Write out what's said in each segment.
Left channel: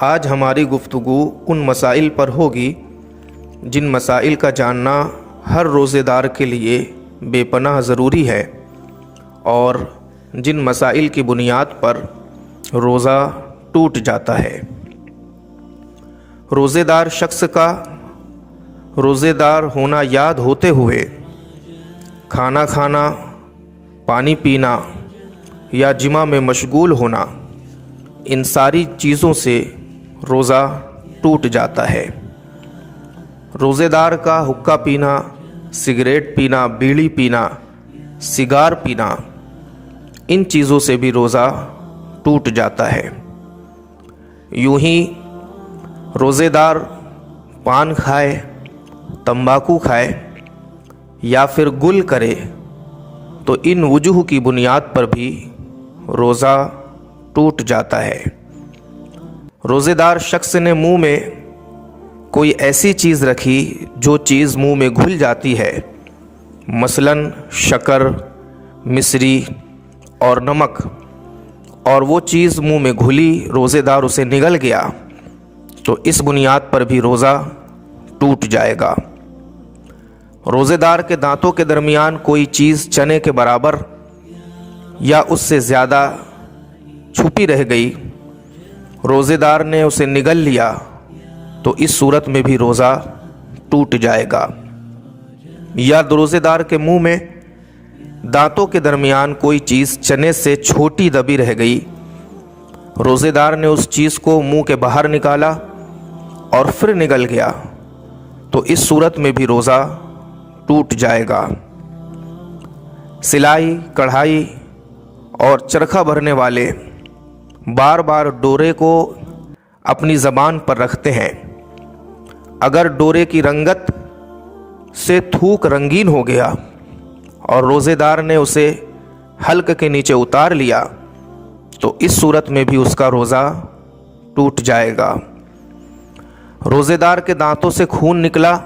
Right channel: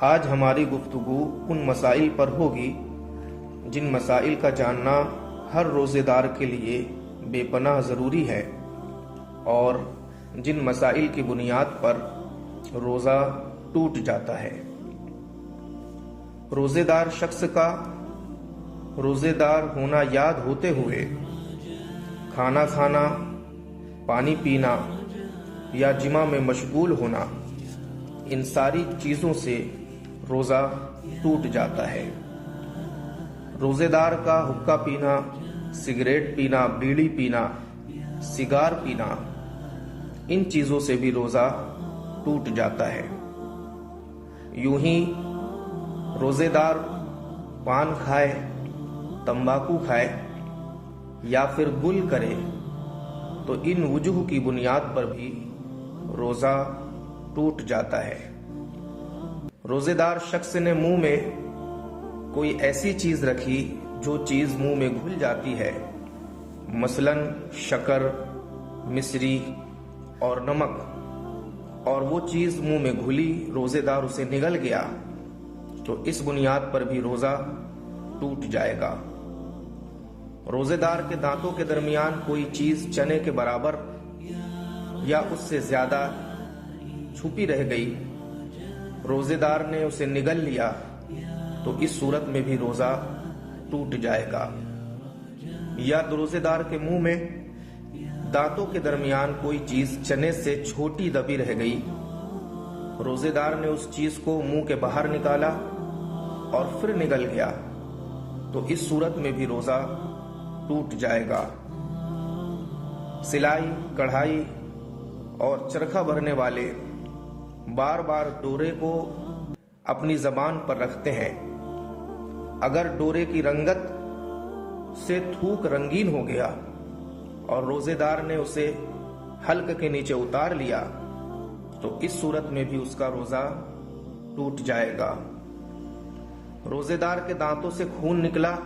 آج ہماری گفتگو ان مسائل پر ہوگی جن مسائل کا جاننا ہر روزے دار کے لیے بے پناہ ضروری ہے اور جن مسائل کی بنیاد پر روزہ ٹوٹ جاتا ہے۔ روزے دار شخص کا روزے دار ہونا یاد ہوتے ہوئے کھانا کھانا، پانی پینا یا جماع میں مشغول ہونا، ان ساری چیزوں سے روزہ ٹوٹ جاتا ہے۔ روزے دار کا حقہ پینا، سگریٹ پینا، بیڑی پینا، سگار پینا، ان چیزوں سے بھی روزہ ٹوٹ جاتا ہے۔ یوں ہی روزے دار پان کھائے، تمباکو کھائے یا پھر گل کرے تو ان وجوہ کی بنیاد پر بھی روزہ ٹوٹ جاتا ہے۔ روزے دار شخص نے منہ میں کوئی ایسی چیز رکھی جو چیز منہ میں گھل جاتی ہے، مثلاً شکر، مصری اور نمک، اور وہ چیز منہ میں گھلی، روزے دار اسے نگل گیا تو اس بنیاد پر بھی روزہ ٹوٹ جائے گا۔ روزے دار کے دانتوں کے درمیان کوئی چیز چنے کے برابر یا اس سے زیادہ چھپی رہ گئی، روزے دار نے اسے نگل لیا تو اس صورت میں بھی روزہ ٹوٹ جائے گا۔ یا روزے دار کے منہ میں دانتوں کے درمیان کوئی چیز چنے سے چھوٹی دبی رہ گئی، روزے دار نے اس چیز کو منہ کے باہر نکالا اور پھر نگل گیا تو اس صورت میں بھی روزہ ٹوٹ جائے گا۔ سلائی، کڑھائی اور چرخہ بھرنے والے بار بار ڈورے کو اپنی زبان پر رکھتے ہیں۔ اگر ڈورے کی رنگت سے تھوک رنگین ہو گیا اور روزے دار نے اسے حلق کے نیچے اتار لیا تو اس صورت میں بھی اس کا روزہ ٹوٹ جائے گا۔ روزے دار کے دانتوں سے خون نکلا،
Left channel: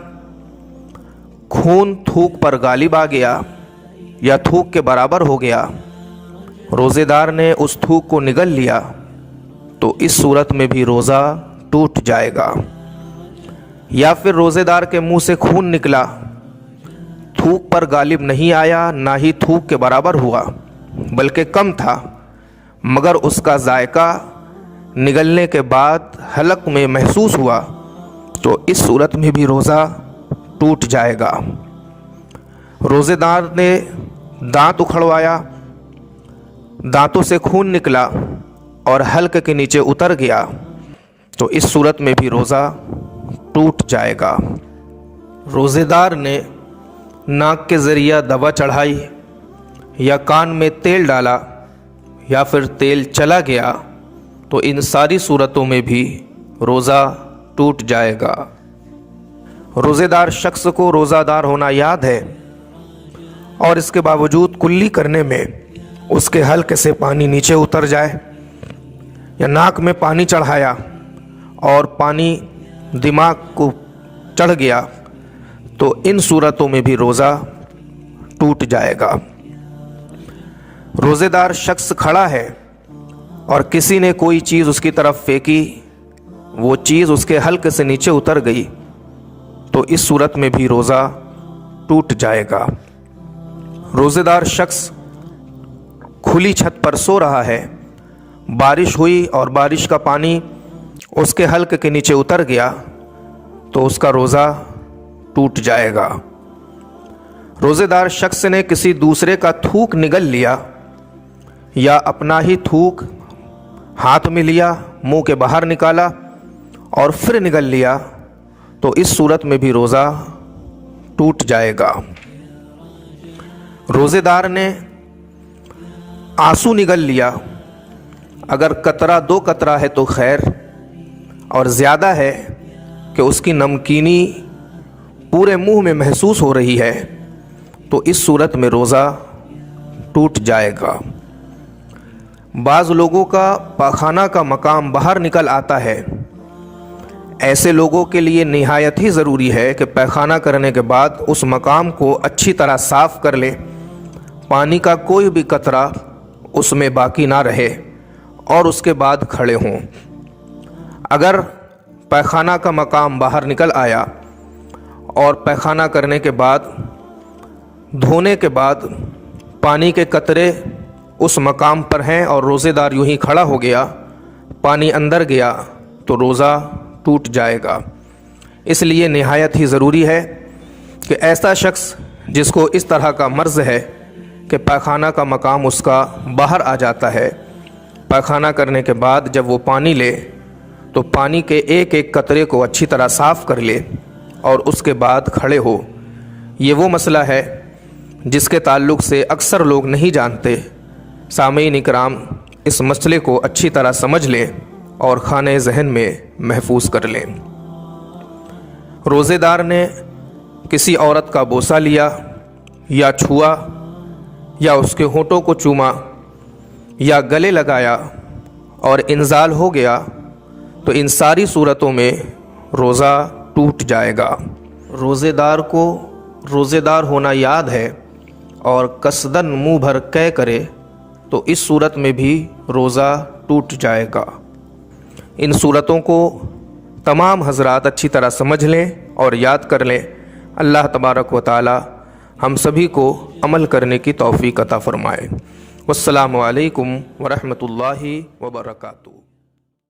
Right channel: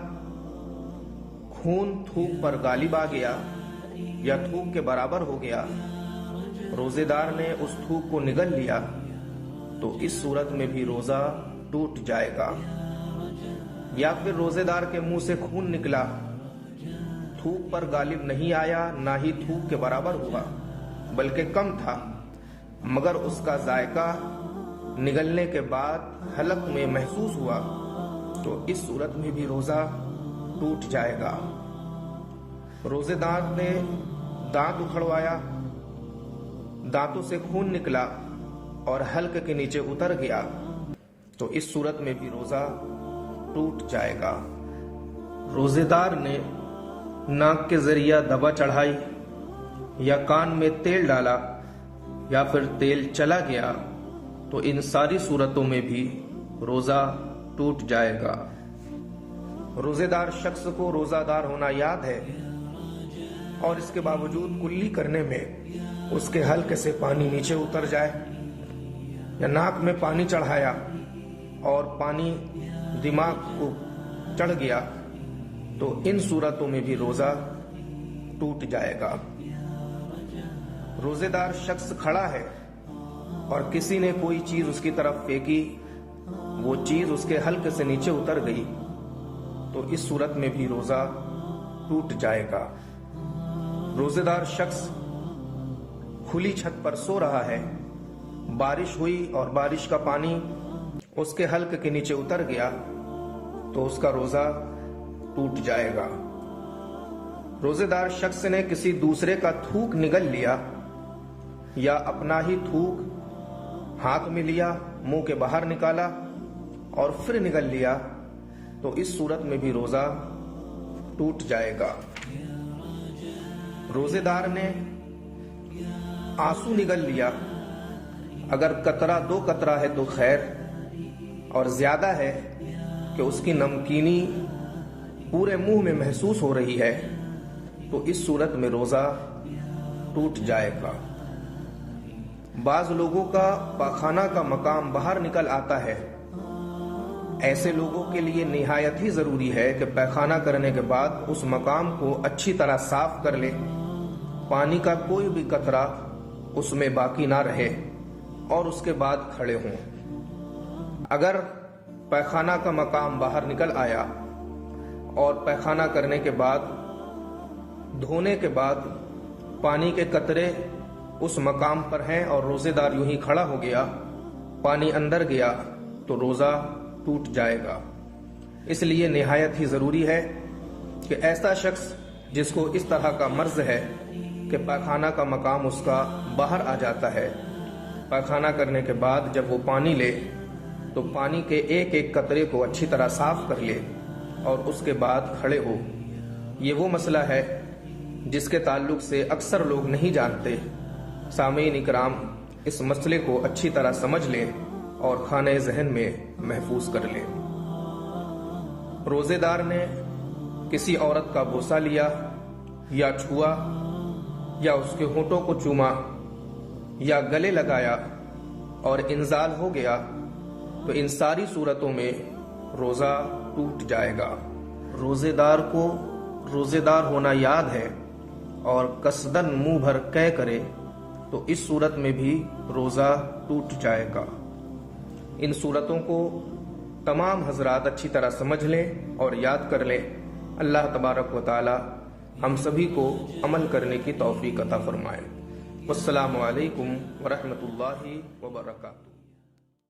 خون تھوک پر غالب آ گیا یا تھوک کے برابر ہو گیا، روزے دار نے اس تھوک کو نگل لیا تو اس صورت میں بھی روزہ ٹوٹ جائے گا۔ یا پھر روزے دار کے منہ سے خون نکلا، تھوک پر غالب نہیں آیا، نہ ہی تھوک کے برابر ہوا بلکہ کم تھا، مگر اس کا ذائقہ نگلنے کے بعد حلق میں محسوس ہوا تو اس صورت میں بھی روزہ ٹوٹ جائے گا۔ روزے دار نے دانت اکھڑوایا، دانتوں سے خون نکلا اور حلق کے نیچے اتر گیا تو اس صورت میں بھی روزہ ٹوٹ جائے گا۔ روزے دار نے ناک کے ذریعہ دوا چڑھائی یا کان میں تیل ڈالا یا پھر تیل چلا گیا تو ان ساری صورتوں میں بھی روزہ ٹوٹ جائے گا۔ روزے دار شخص کو روزہ دار ہونا یاد ہے اور اس کے باوجود کلی کرنے میں اس کے حلق سے پانی نیچے اتر جائے یا ناک میں پانی چڑھایا اور پانی دماغ کو چڑھ گیا تو ان صورتوں میں بھی روزہ ٹوٹ جائے گا۔ روزے دار شخص کھڑا ہے اور کسی نے کوئی چیز اس کی طرف پھینکی، وہ چیز اس کے حلق سے نیچے اتر گئی تو اس صورت میں بھی روزہ ٹوٹ جائے گا۔ روزے دار شخص کھلی چھت پر سو رہا ہے، بارش ہوئی اور بارش کا پانی اس کے حلق کے نیچے اتر گیا تو اس کا روزہ ٹوٹ جائے گا۔ روزے دار شخص نے کسی دوسرے کا تھوک نگل لیا یا اپنا ہی تھوک ہاتھ میں لیا، منہ کے باہر نکالا اور پھر نگل لیا تو اس صورت میں بھی روزہ ٹوٹ جائے گا۔ روزے دار نے آنسو نگل لیا، اگر قطرہ دو قطرہ ہے تو خیر، اور زیادہ ہے کہ اس کی نمکینی پورے منہ میں محسوس ہو رہی ہے تو اس صورت میں روزہ ٹوٹ جائے گا۔ بعض لوگوں کا پاخانہ کا مقام باہر نکل آتا ہے، ایسے لوگوں کے لیے نہایت ہی ضروری ہے کہ پیخانہ کرنے کے بعد اس مقام کو اچھی طرح صاف کر لے، پانی کا کوئی بھی قطرہ اس میں باقی نہ رہے اور اس کے بعد کھڑے ہوں۔ اگر پیخانہ کا مقام باہر نکل آیا اور پیخانہ کرنے کے بعد دھونے کے بعد پانی کے قطرے اس مقام پر ہیں اور روزے دار یوں ہی کھڑا ہو گیا، پانی اندر گیا تو روزہ ٹوٹ جائے گا۔ اس لیے نہایت ہی ضروری ہے کہ ایسا شخص جس کو اس طرح کا مرض ہے کہ پیخانہ کا مقام اس کا باہر آ جاتا ہے، پیخانہ کرنے کے بعد جب وہ پانی لے تو پانی کے ایک ایک قطرے کو اچھی طرح صاف کر لے اور اس کے بعد کھڑے ہو۔ یہ وہ مسئلہ ہے جس کے تعلق سے اکثر لوگ نہیں جانتے۔ سامعین اکرام، اس مسئلے کو اچھی طرح سمجھ لیں اور خانہ ذہن میں محفوظ کر لیں۔ روزے دار نے کسی عورت کا بوسہ لیا یا چھوا یا اس کے ہونٹوں کو چوما یا گلے لگایا اور انزال ہو گیا تو ان ساری صورتوں میں روزہ ٹوٹ جائے گا۔ روزے دار کو روزے دار ہونا یاد ہے اور قصدن منہ بھر قے کرے تو اس صورت میں بھی روزہ ٹوٹ جائے گا۔ ان صورتوں کو تمام حضرات اچھی طرح سمجھ لیں اور یاد کر لیں۔ اللہ تبارک و تعالی ہم سبھی کو عمل کرنے کی توفیق عطا فرمائے۔ والسلام علیکم ورحمۃ اللہ وبرکاتہ۔